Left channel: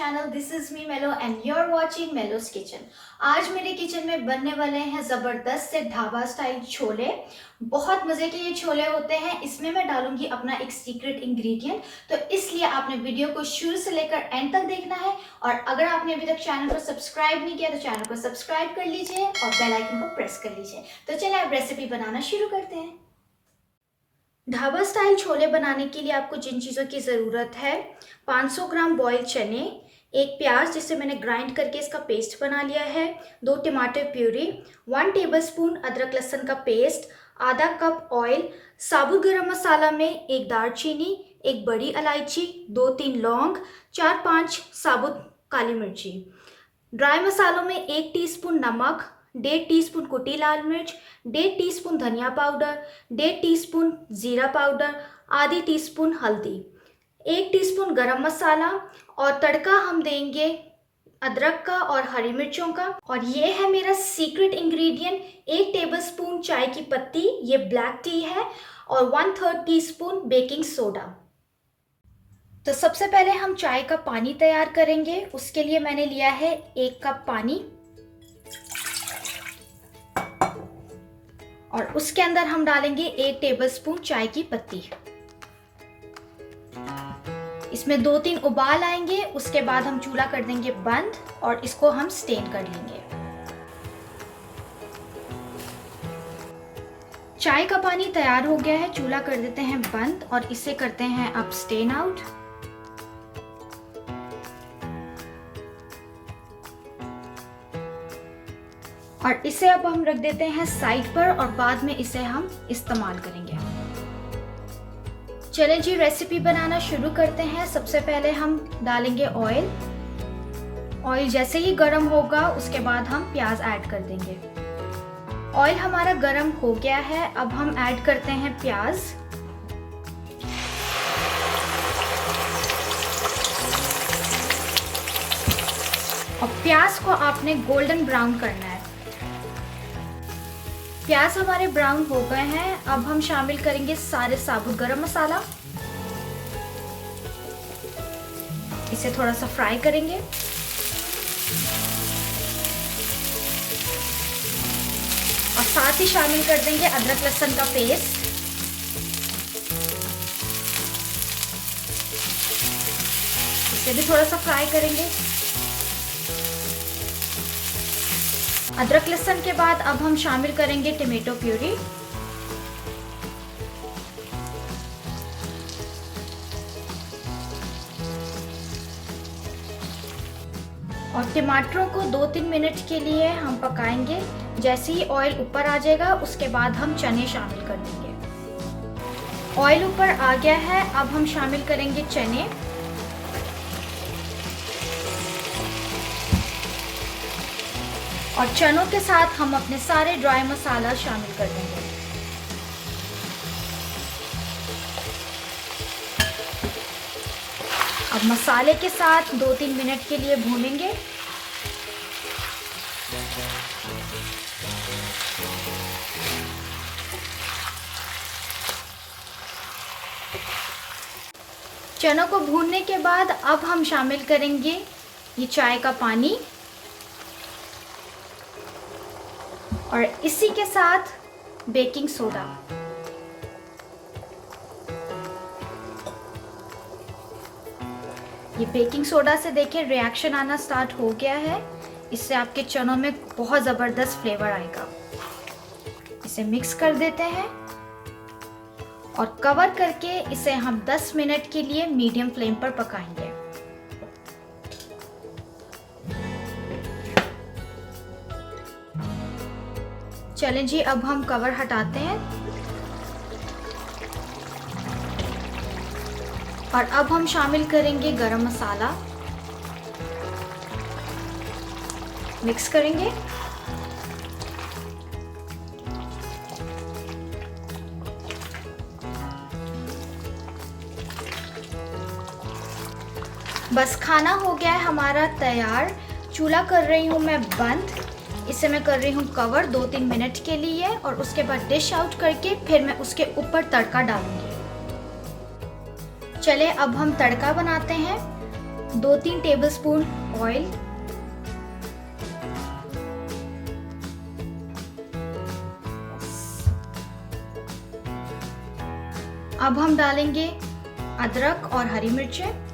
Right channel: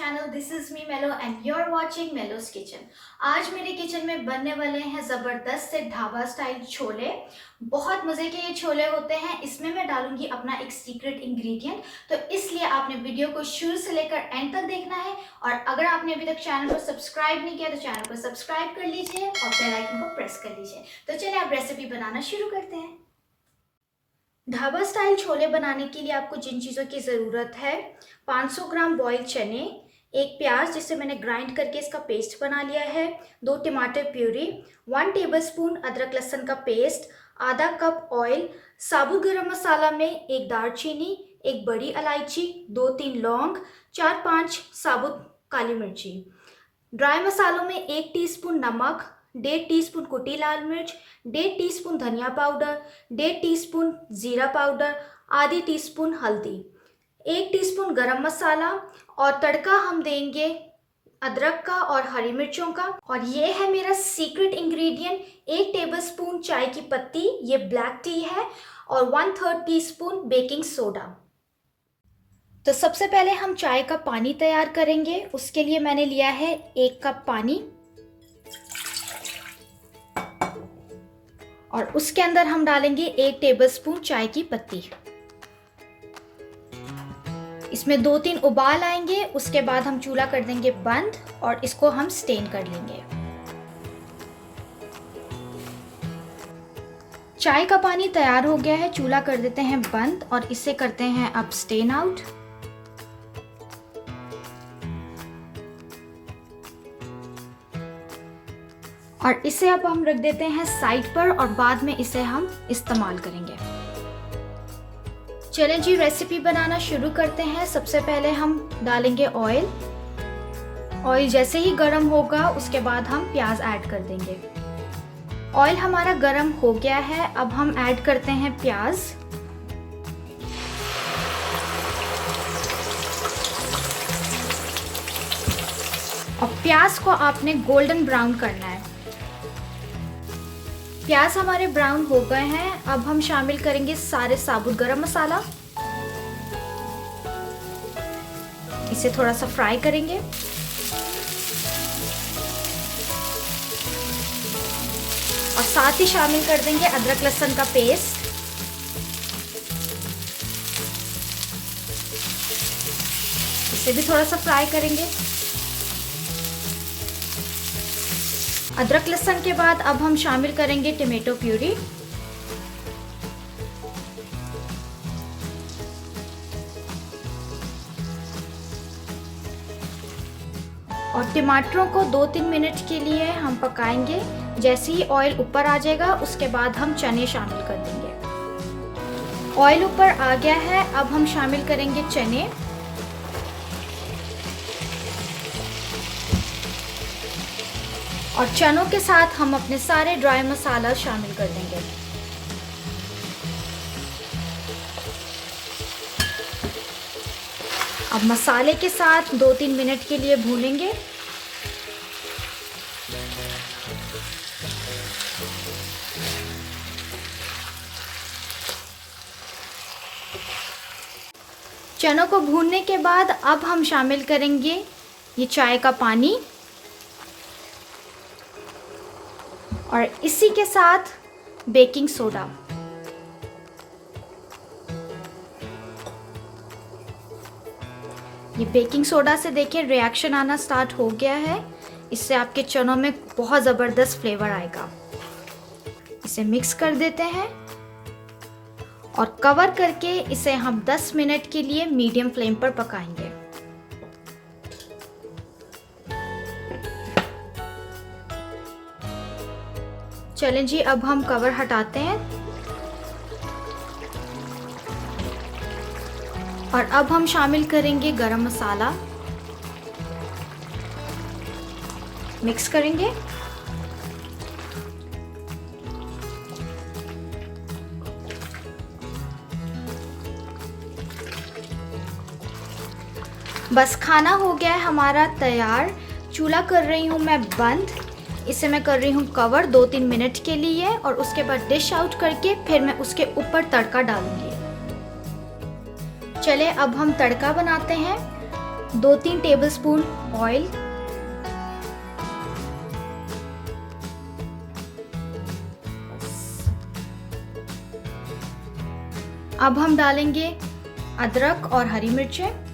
Channel. This is me Melo and you are watching Melo's kitchen. आज मेरे kitchen में बनने वाले हैं ज़बरदस्त से ढाबा स्टाइल छोले। बहुत मज़े के ये छोले होते हैं। इसमें मैं डालूंगी अपना एक सीक्रेट इंग्रेडिएंट, तो इसलिए आपने वीडियो को शुरू से लेकर एंड तक देखना है। और अगर आपने अभी तक चैनल को सब्सक्राइब नहीं किया तो चैनल को सब्सक्राइब कर लीजिए और बेल आइकन को प्रेस कर लीजिए। तो चलिए अब रेसिपी बनाना शुरू करते हैं। ढाबा स्टाइल छोले बनाने के लिए आपको जिन चीज़ों की ज़रूरत है, 500 ग्राम बॉइल्ड चने, एक प्याज जिसे मैंने ग्राइंड करके इसका पेस्ट बना लिया है, 2 टमाटर प्यूरी, 1 टेबलस्पून अदरक लहसुन का पेस्ट, आधा कप ऑयल, साबुत गरम मसाला में एक दालचीनी, एक बड़ी इलायची, 2-3 लौंग, 4-5 साबुत काली मिर्ची। ड्राई मसालों में 1 टीस्पून नमक, 1.5 टीस्पून कुटी लाल मिर्च, 1.5 टीस्पून धनिया पाउडर, 1.5 टीस्पून जीरा पाउडर, आधी टीस्पून हल्दी, 1 टीस्पून गरम मसाला। और तड़का हम देंगे अदरक का और हरी मिर्चों का। और ये है मेरा सीक्रेट इंग्रेडिएंट, 1 टेबलस्पून चाय की पत्ती, ये ब्लैक टी है, और 1/3 टीस्पून बेकिंग सोडा। तो सबसे पहले हम चाय का पानी तैयार करेंगे। उसके लिए मैंने लिया है 1 कप पानी, और उसके अंदर हम डालेंगे 1 टेबलस्पून चाय की पत्ती। इसमें 2-3 उबाल आएंगे, उसके बाद हम चूल्हा कर देंगे बंद और इसको हम स्टेन कर लेंगे। चाय का पानी तैयार हो गया है, चूल्हा कर देते हैं बंद और इसे करते हैं अब स्टेन आउट। और इसे अब हम रख देते हैं साइड पर और बाद में इसे हम इस्तेमाल करेंगे। चलें जी, रेसिपी बनाना शुरू करते हैं। सबसे पहले हम डालेंगे ऑयल। ऑयल जैसे ही गर्म होगा उसके बाद हम प्याज ऐड कर देंगे। ऑयल हमारा गर्म हो गया है, अब हम ऐड करते हैं प्याज। और प्याज को आपने गोल्डन ब्राउन करना है। प्याज हमारे ब्राउन हो गए हैं, अब हम शामिल करेंगे सारे साबुत गरम मसाला। इसे थोड़ा सा फ्राई करेंगे। और साथ ही शामिल कर देंगे अदरक लहसुन का पेस्ट। इसे भी थोड़ा सा फ्राई करेंगे। अदरक लहसुन के बाद अब हम शामिल करेंगे टमाटो प्यूरी। और टमाटरों को 2-3 मिनट के लिए हम पकाएंगे। जैसे ही ऑयल ऊपर आ जाएगा उसके बाद हम चने शामिल कर देंगे। ऑयल ऊपर आ गया है, अब हम शामिल करेंगे चने। और चनों के साथ हम अपने सारे ड्राई मसाला शामिल कर देंगे। अब मसाले के साथ 2-3 मिनट के लिए भूनेंगे। चनों को भूनने के बाद अब हम शामिल करेंगे ये चाय का पानी, और इसी के साथ बेकिंग सोडा। ये बेकिंग सोडा से देखिए रिएक्शन आना स्टार्ट हो गया है। इससे आपके चनों में बहुत ज़बरदस्त फ्लेवर आएगा। इसे मिक्स कर देते हैं और कवर करके इसे हम 10 मिनट के लिए मीडियम फ्लेम पर पकाएंगे। चलें जी, अब हम कवर हटाते हैं और अब हम शामिल करेंगे गरम मसाला। मिक्स करेंगे। बस खाना हो गया है हमारा तैयार। चूल्हा कर रही हूँ मैं बंद। इसे मैं कर रही हूँ कवर 2-3 मिनट के लिए और उसके बाद डिश आउट करके फिर मैं उसके ऊपर तड़का डालूंगी। चले अब हम तड़का बनाते हैं। 2-3 टेबलस्पून ऑयल, अब हम डालेंगे अदरक और हरी मिर्चें,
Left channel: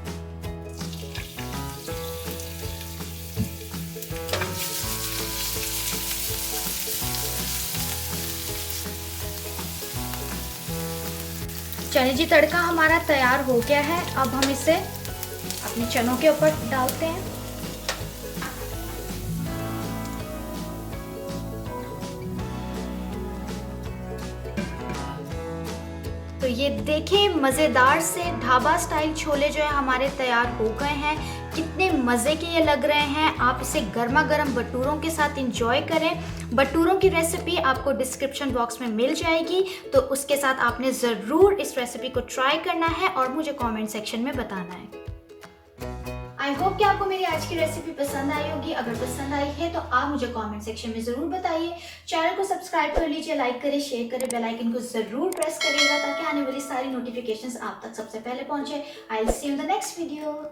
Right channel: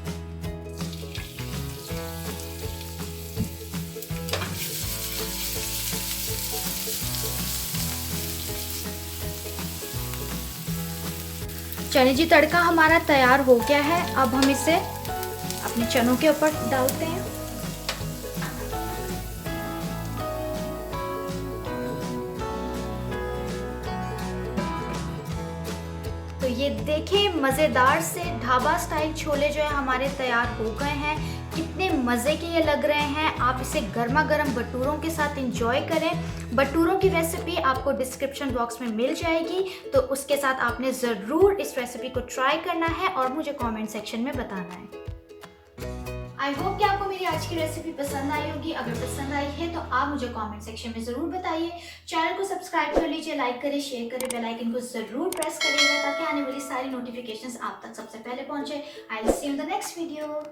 चने जी तड़का हमारा तैयार हो गया है। अब हम इसे अपने चनों के ऊपर डालते हैं। तो ये देखिए मज़ेदार से ढाबा स्टाइल छोले जो है हमारे तैयार हो गए हैं। कितने मज़े के ये लग रहे हैं। आप इसे गर्मा गर्म भटूरों के साथ इंजॉय करें। भटूरों की रेसिपी आपको डिस्क्रिप्शन बॉक्स में मिल जाएगी, तो उसके साथ आपने ज़रूर इस रेसिपी को ट्राई करना है और मुझे कमेंट सेक्शन में बताना है। आई होप कि आपको मेरी आज की रेसिपी पसंद आई होगी। अगर पसंद आई है तो आप मुझे कमेंट सेक्शन में ज़रूर बताइए। चैनल को सब्सक्राइब कर लीजिए, लाइक करें, शेयर करें, बेल आइकन को ज़रूर प्रेस करिएगा ताकि आने वाली सारी नोटिफिकेशंस आप तक सबसे पहले पहुंचे। I will see you in the next video.